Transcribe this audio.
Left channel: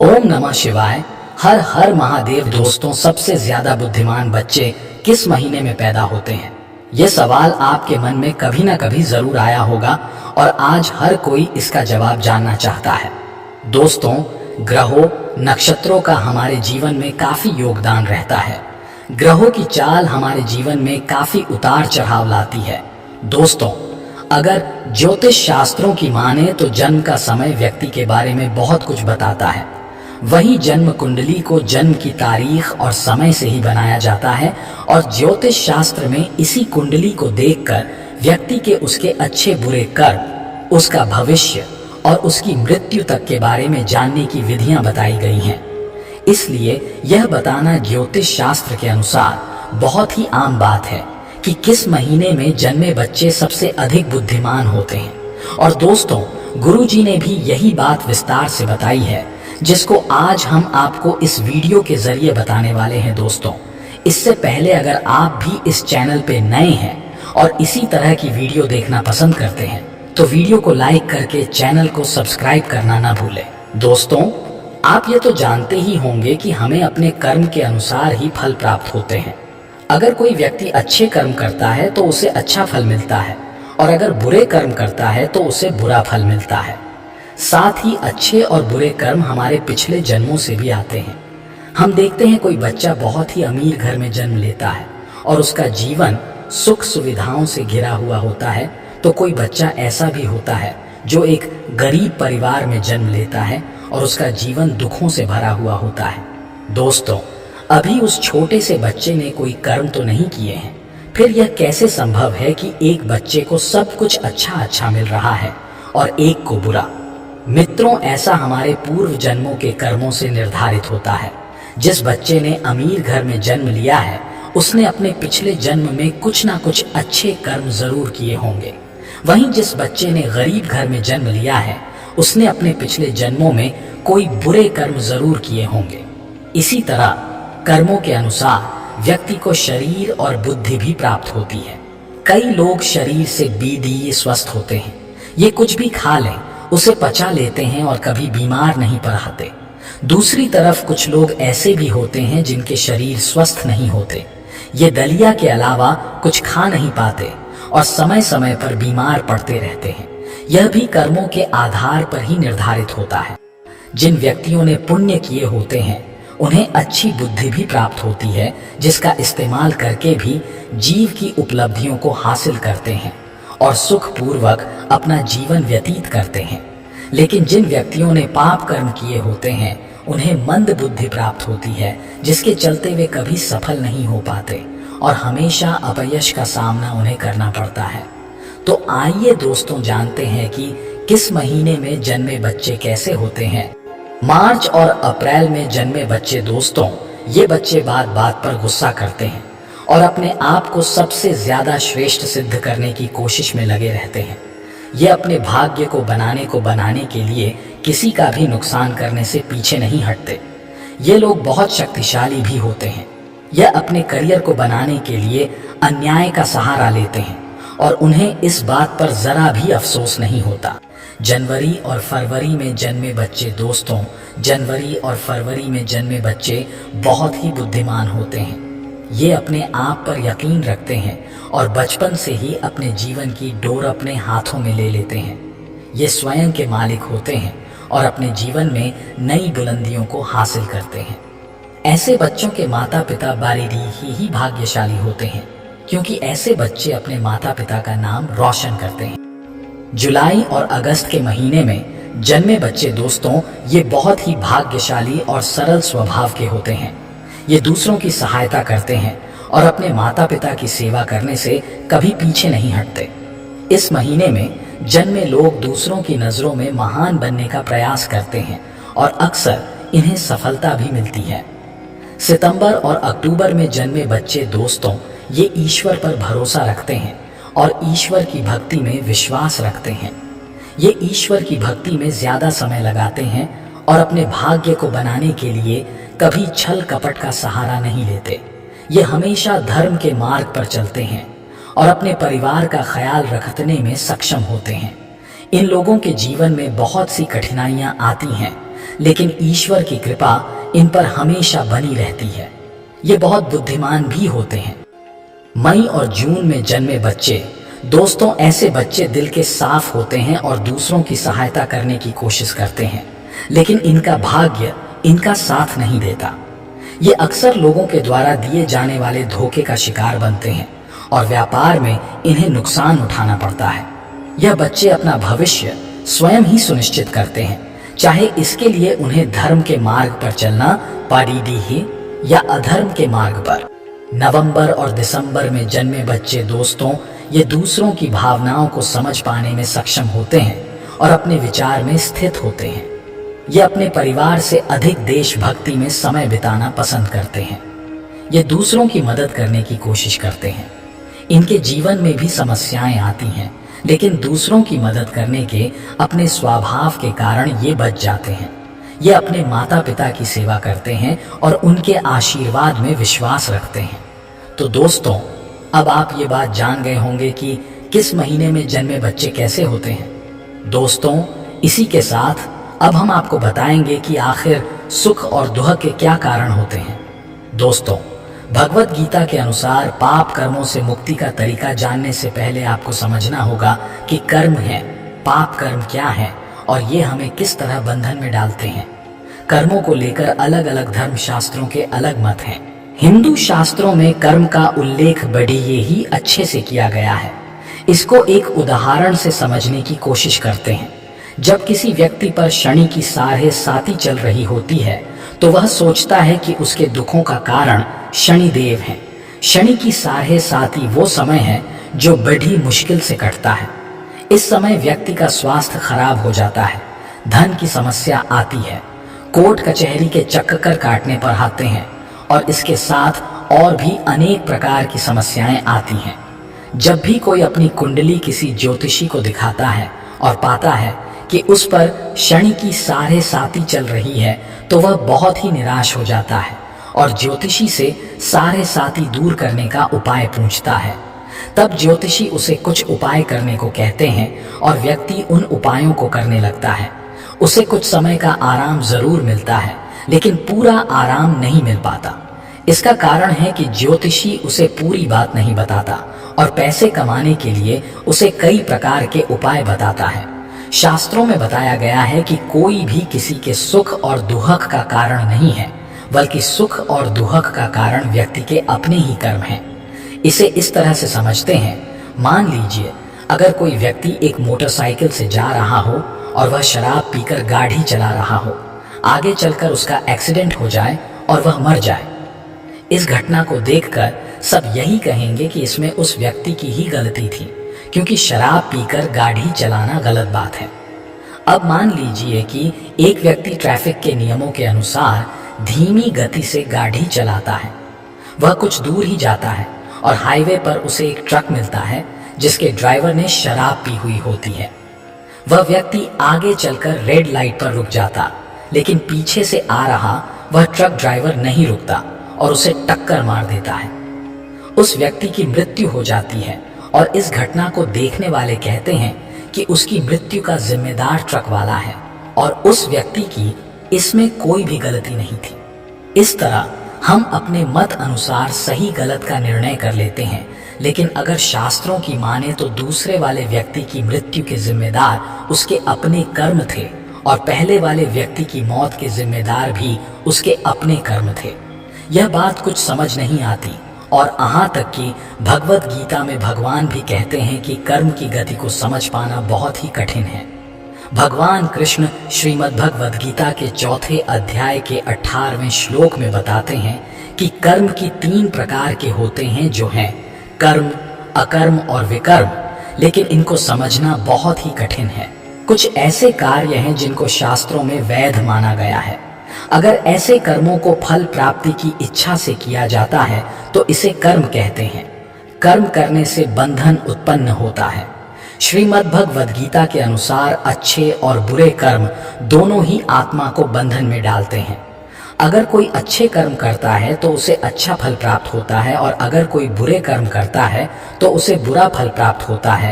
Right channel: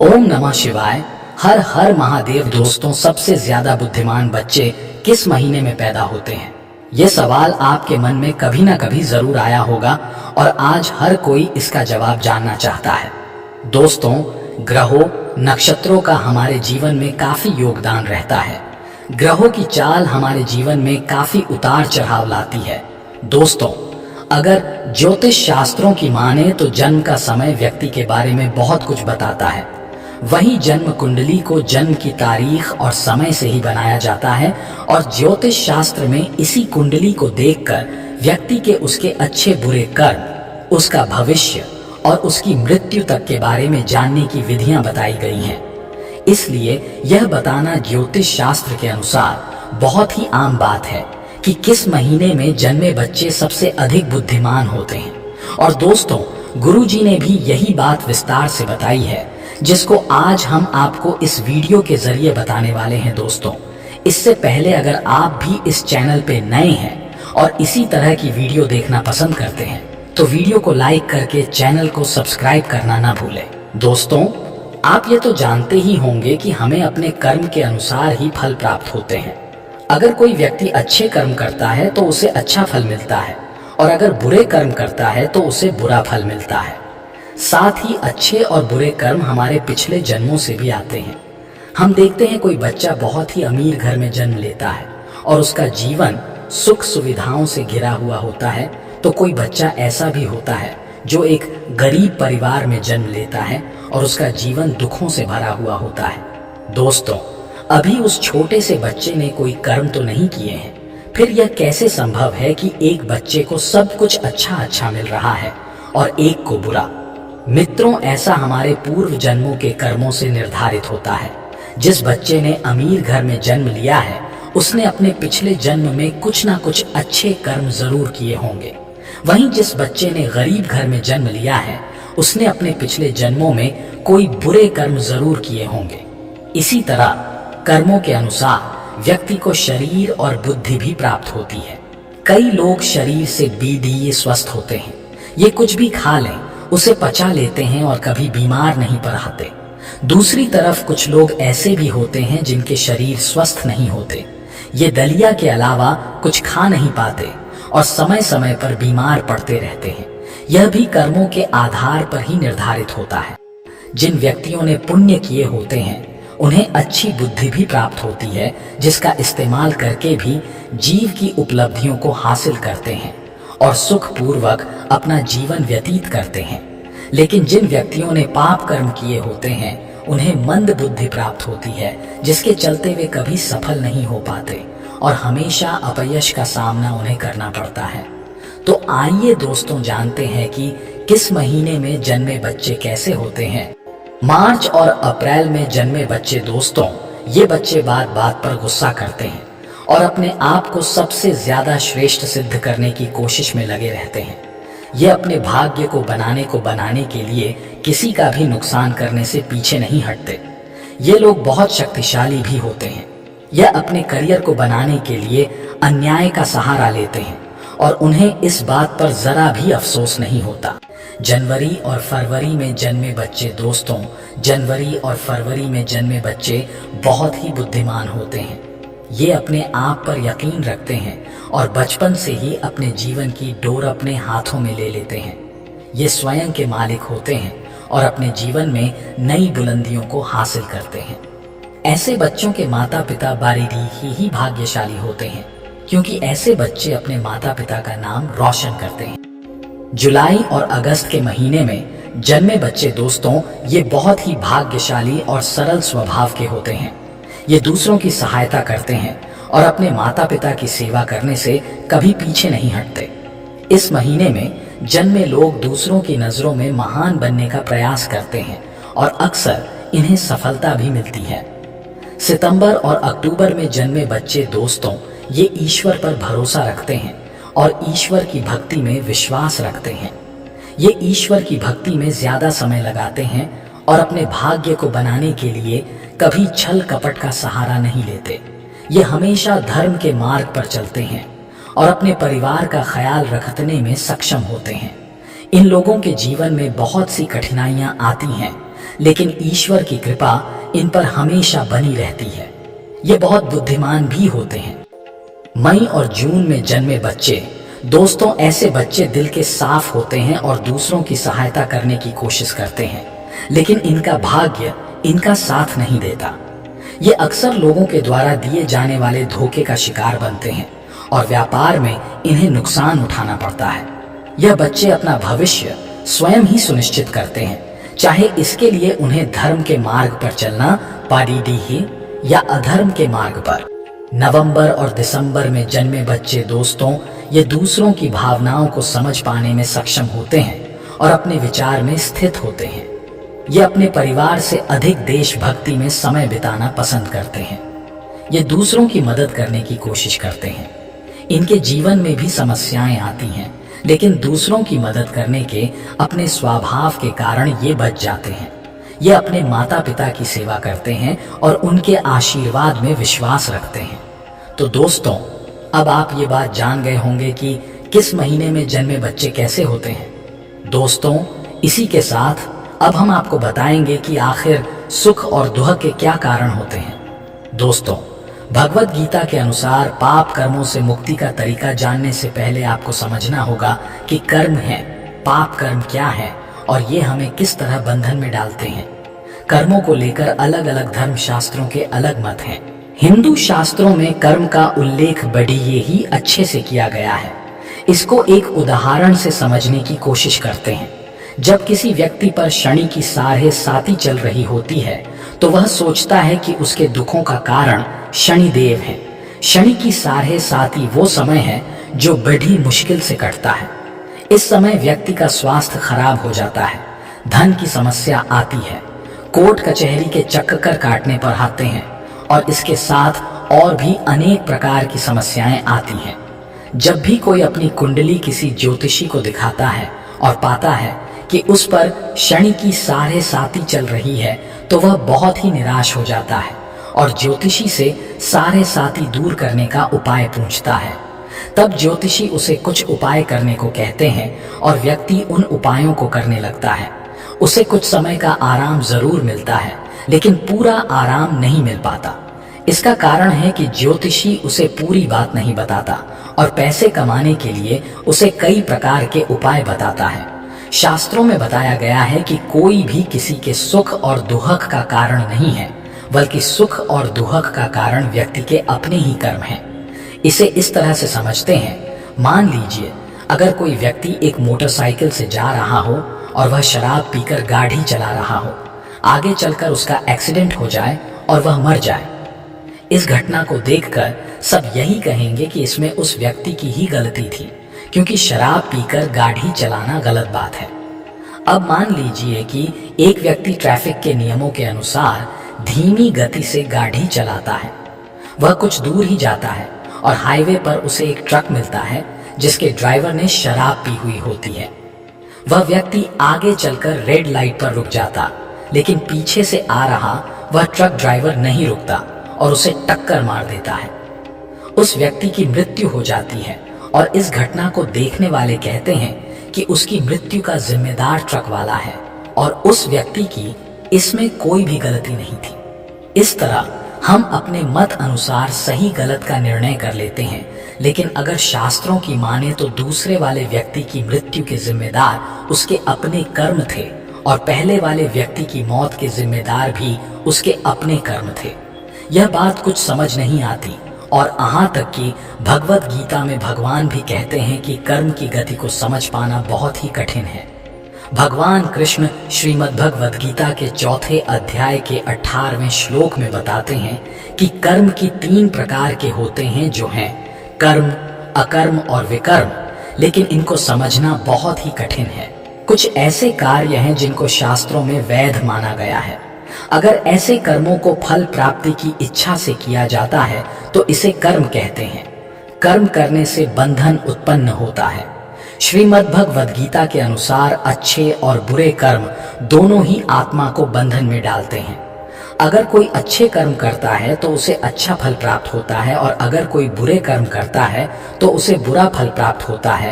ओम नमः शिवाय। हर हर महादेव। दोस्तों, सबसे ज्यादा बुद्धिमान बच्चे किस महीने में पैदा होते हैं? ये सवाल आपके मन में कभी ना कभी जरूर आया होगा और आज हर कोई इसका जवाब जानना चाहता है। दोस्तों, ग्रहों नक्षत्रों का हमारे जीवन में काफी योगदान रहता है। ग्रहों की चाल हमारे जीवन में काफी उतार चढ़ाव लाती है। दोस्तों, अगर ज्योतिष शास्त्रों की माने तो जन्म का समय व्यक्ति के बारे में बहुत कुछ बताता है। वहीं जन्म कुंडली को जन्म की तारीख और समय से ही बनाया जाता है और ज्योतिष शास्त्र में इसी कुंडली को देखकर व्यक्ति के उसके अच्छे बुरे कर्म, उसका भविष्य और उसकी मृत्यु तक के बारे में जानने की विधियां बताई गई हैं। इसलिए यह बताना ज्योतिष शास्त्र के अनुसार बहुत ही आम बात है कि किस महीने में जन्मे बच्चे सबसे अधिक बुद्धिमान होते हैं। और दोस्तों, गुरुजी ने भी यही बात विस्तार से बताई है, जिसको आज हम आपको इस वीडियो के जरिए बताने वाले हैं। दोस्तों, इससे पहले अगर आप भी इस चैनल पे नए हैं और इसी तरह की वीडियो देखना पसंद करते हैं तो वीडियो को लाइक करके चैनल को सब्सक्राइब करना ना भूलें। दोस्तों, आप ये तो जानते ही होंगे कि हमें अपने कर्म के अनुसार ही फल प्राप्त होते हैं। अगर कोई व्यक्ति अच्छे कर्म करता है तो उसे अच्छा फल मिलता है और अगर बुरे कर्म करता है तो उसे बुरा फल मिलता है। साथ ही अच्छे और बुरे कर्म हमारे पिछले जन्मों से भी आते हैं। हम देखते हैं कोई बच्चा बहुत ही अमीर घर में जन्म लेता है और उसका जीवन सुख सुविधाओं से घिरा हुआ होता है, तो कोई बच्चा ऐसा भी होता है जो एक गरीब परिवार में जन्म लेता है और उसका जीवन दुखों से भरा हुआ होता है। दोस्तों, अभी उस छोटे से बच्चे ने कोई कर्म तो नहीं किए हैं, फिर यह कैसे संभव है कि एक बच्चे को सब कुछ अच्छा मिल रहा है और एक को बुरा? मित्रों, ऐसा हमारे पूर्व जन्मों के कर्मों से निर्धारित होता है। जिस बच्चे ने अमीर घर में जन्म लिया है उसने अपने पिछले जन्म में कुछ ना कुछ अच्छे कर्म जरूर किए होंगे। वहीं जिस बच्चे ने गरीब घर में जन्म लिया है उसने अपने पिछले जन्मों में कोई बुरे कर्म जरूर किए होंगे। इसी तरह कर्मों के अनुसार व्यक्ति को शरीर और बुद्धि भी प्राप्त होती है। कई लोग शरीर से बीदी स्वस्थ होते हैं। ये कुछ भी खा लें उसे पचा लेते हैं और कभी बीमार नहीं पड़ते। दूसरी तरफ कुछ लोग ऐसे भी होते हैं जिनके शरीर स्वस्थ नहीं होते। ये दलिया के अलावा कुछ खा नहीं पाते और समय समय पर बीमार पड़ते रहते हैं। यह भी कर्मों के आधार पर ही निर्धारित होता है। जिन व्यक्तियों ने पुण्य किए होते हैं उन्हें अच्छी बुद्धि भी प्राप्त होती है, जिसका इस्तेमाल करके भी जीव की उपलब्धियों को हासिल करते हैं और सुखपूर्वक अपना जीवन व्यतीत करते हैं। लेकिन जिन व्यक्तियों ने पाप कर्म किए होते हैं उन्हें मंद बुद्धि प्राप्त होती है, जिसके चलते वे कभी सफल नहीं हो पाते और हमेशा अपयश का सामना उन्हें करना पड़ता है। तो आइए दोस्तों, जानते हैं कि किस महीने में जन्मे बच्चे कैसे होते हैं। मार्च और अप्रैल में जन्मे बच्चे। दोस्तों, ये बच्चे बात बात पर गुस्सा करते हैं और अपने आप को सबसे ज्यादा श्रेष्ठ सिद्ध करने की कोशिश में लगे रहते हैं। ये अपने भाग्य को बनाने के लिए किसी का भी नुकसान करने से पीछे नहीं हटते। ये लोग बहुत शक्तिशाली भी होते हैं। यह अपने करियर को बनाने के लिए अन्याय का सहारा लेते हैं और उन्हें इस बात पर जरा भी अफसोस नहीं होता। जनवरी और फरवरी में जन्मे बच्चे। दोस्तों, जनवरी और फरवरी में जन्मे बच्चे बहुत ही बुद्धिमान होते हैं। ये अपने आप पर यकीन रखते हैं और बचपन से ही अपने जीवन की डोर अपने हाथों में ले लेते हैं। ये स्वयं के मालिक होते हैं और अपने जीवन में नई बुलंदियों को हासिल करते हैं। ऐसे बच्चों के माता पिता बारिदी ही भाग्यशाली होते हैं, क्योंकि ऐसे बच्चे अपने माता पिता का नाम रोशन करते हैं। जुलाई और अगस्त के महीने में जन्मे बच्चे। दोस्तों, ये बहुत ही भाग्यशाली और सरल स्वभाव के होते हैं। ये दूसरों की सहायता करते हैं और अपने माता पिता की सेवा करने से कभी पीछे नहीं हटते। इस महीने में जन्मे लोग दूसरों की नजरों में महान बनने का प्रयास करते हैं और अक्सर इन्हें सफलता भी मिलती है। सितंबर और अक्टूबर में जन्मे बच्चे। दोस्तों, ये ईश्वर पर भरोसा रखते हैं और ईश्वर की भक्ति में विश्वास रखते हैं। ये ईश्वर की भक्ति में ज्यादा समय लगाते हैं और अपने भाग्य को बनाने के लिए कभी छल कपट का सहारा नहीं लेते। ये हमेशा धर्म के मार्ग पर चलते हैं और अपने परिवार का ख्याल रखने में सक्षम होते हैं। इन लोगों के जीवन में बहुत सी कठिनाइयां आती हैं, लेकिन ईश्वर की कृपा इन पर हमेशा बनी रहती है। ये बहुत बुद्धिमान भी होते हैं। मई और जून में जन्मे बच्चे, दोस्तों ऐसे बच्चे दिल के साफ होते हैं और दूसरों की सहायता करने की कोशिश करते हैं, लेकिन इनका भाग्य इनका साथ नहीं देता। ये अक्सर लोगों के द्वारा दिए जाने वाले धोखे का शिकार बनते हैं और व्यापार में इन्हें नुकसान उठाना पड़ता है। यह बच्चे अपना भविष्य स्वयं ही सुनिश्चित करते हैं, चाहे इसके लिए उन्हें धर्म के मार्ग पर चलना पड़ी ही या अधर्म के मार्ग पर। नवंबर और दिसंबर में जन्मे बच्चे, दोस्तों ये दूसरों की भावनाओं को समझ पाने में सक्षम होते हैं और अपने विचार में स्थित होते हैं। ये अपने परिवार से अधिक देशभक्ति में समय बिताना पसंद करते हैं। ये दूसरों की मदद करने की कोशिश करते हैं। इनके जीवन में भी समस्याएं आती हैं, लेकिन दूसरों की मदद करने के अपने स्वभाव के कारण ये बच जाते हैं। ये अपने माता पिता की सेवा करते हैं और उनके आशीर्वाद में विश्वास रखते हैं। तो दोस्तों, अब आप ये बात जान गए होंगे कि किस महीने में जन्मे बच्चे कैसे होते हैं। दोस्तों, इसी के साथ अब हम आपको बताएंगे कि आखिर सुख और दुख के क्या कारण होते हैं। दोस्तों, भगवत गीता के अनुसार पाप कर्मों से मुक्ति का तरीका जानने से पहले आपको समझना होगा कि कर्म है, पाप कर्म क्या है और ये हमें किस तरह बंधन में डालते हैं। कर्मों को लेकर अलग अलग धर्म शास्त्रों के अलग मत हैं। हिंदू शास्त्रों में कर्म का उल्लेख बड़ी ही अच्छे से किया गया है। इसको एक उदाहरण से समझने की कोशिश करते हैं। जब किसी व्यक्ति पर शनि की साढ़े साती चल रही होती है तो वह सोचता है कि उसके दुखों का कारण शनिदेव हैं। शनि की साढ़े साती वो समय है जो बड़ी मुश्किल से कटता है। इस समय व्यक्ति का स्वास्थ्य खराब हो जाता है, धन की समस्या आती है, कोर्ट कचहरी के चक्कर काटने पर आते हैं और इसके साथ और भी अनेक प्रकार की समस्याएं आती हैं। जब भी कोई अपनी कुंडली किसी ज्योतिषी को दिखाता है और पाता है कि उस पर शनि की साढ़े साती चल रही है तो वह बहुत ही निराश हो जाता है और ज्योतिषी से साढ़े साती दूर करने का उपाय पूछता है। तब ज्योतिषी उसे कुछ उपाय करने को कहते हैं और व्यक्ति उन उपायों को करने लगता है। उसे कुछ समय का आराम जरूर मिलता है, लेकिन पूरा आराम नहीं मिल पाता। इसका कारण है कि ज्योतिषी उसे पूरी बात नहीं बताता और पैसे कमाने के लिए उसे कई प्रकार के उपाय बताता है। शास्त्रों में बताया गया है कि कोई भी किसी के सुख और दुख का कारण नहीं है, बल्कि सुख और दुख का कारण व्यक्ति के अपने ही कर्म हैं। इसे इस तरह से समझते हैं, मान लीजिए अगर कोई व्यक्ति एक मोटरसाइकिल से जा रहा हो और वह शराब पीकर गाड़ी चला रहा हो, आगे चलकर उसका एक्सीडेंट हो जाए और वह मर जाए। इस घटना को देखकर सब यही कहेंगे कि इसमें उस व्यक्ति की ही गलती थी, क्योंकि शराब पीकर गाड़ी चलाना गलत बात है। अब मान लीजिए कि एक व्यक्ति ट्रैफिक के नियमों के अनुसार धीमी गति से गाड़ी चलाता है। वह कुछ दूर ही जाता है और हाईवे पर उसे एक ट्रक मिलता है जिसके ड्राइवर ने शराब पी हुई होती है। वह व्यक्ति आगे चलकर रेड लाइट पर रुक जाता, लेकिन पीछे से आ रहा वह ट्रक ड्राइवर नहीं रुकता और उसे टक्कर मार देता है। उस व्यक्ति की मृत्यु हो जाती है और इस घटना को देखने वाले कहते हैं कि उसकी मृत्यु का जिम्मेदार ट्रक वाला है और उस व्यक्ति की इसमें कोई भी गलती नहीं थी। इस तरह हम अपने मत अनुसार सही गलत का निर्णय कर लेते हैं, लेकिन अगर शास्त्रों की माने तो दूसरे वाले व्यक्ति की मृत्यु के जिम्मेदार उसके अपने कर्म थे और पहले वाले व्यक्ति की मौत के जिम्मेदार भी उसके अपने कर्म थे। यह बात कुछ समझ नहीं आती और यहाँ तक कि भगवत गीता में भगवान भी कहते हैं कि कर्म की गति को समझ पाना बहुत ही कठिन है। भगवान कृष्ण श्रीमद् भगवत गीता के 4 अध्याय के 18वें श्लोक में बताते हैं कि कर्म की 3 प्रकार के होते हैं, जो हैं कर्म, अकर्म और विकर्म, लेकिन इनको समझना बहुत ही कठिन है। कुछ ऐसे कार्य हैं जिनको शास्त्रों में वैध माना गया है। अगर ऐसे कर्मों को फल प्राप्ति की इच्छा से किया जाता है तो इसे कर्म कहते हैं। कर्म करने से बंधन उत्पन्न होता है। श्रीमद् भगवद गीता के अनुसार अच्छे और बुरे कर्म दोनों ही आत्मा को बंधन में डालते हैं। अगर कोई अच्छे कर्म करता है तो उसे अच्छा फल प्राप्त होता है और अगर कोई बुरे कर्म करता है तो उसे बुरा फल प्राप्त होता है।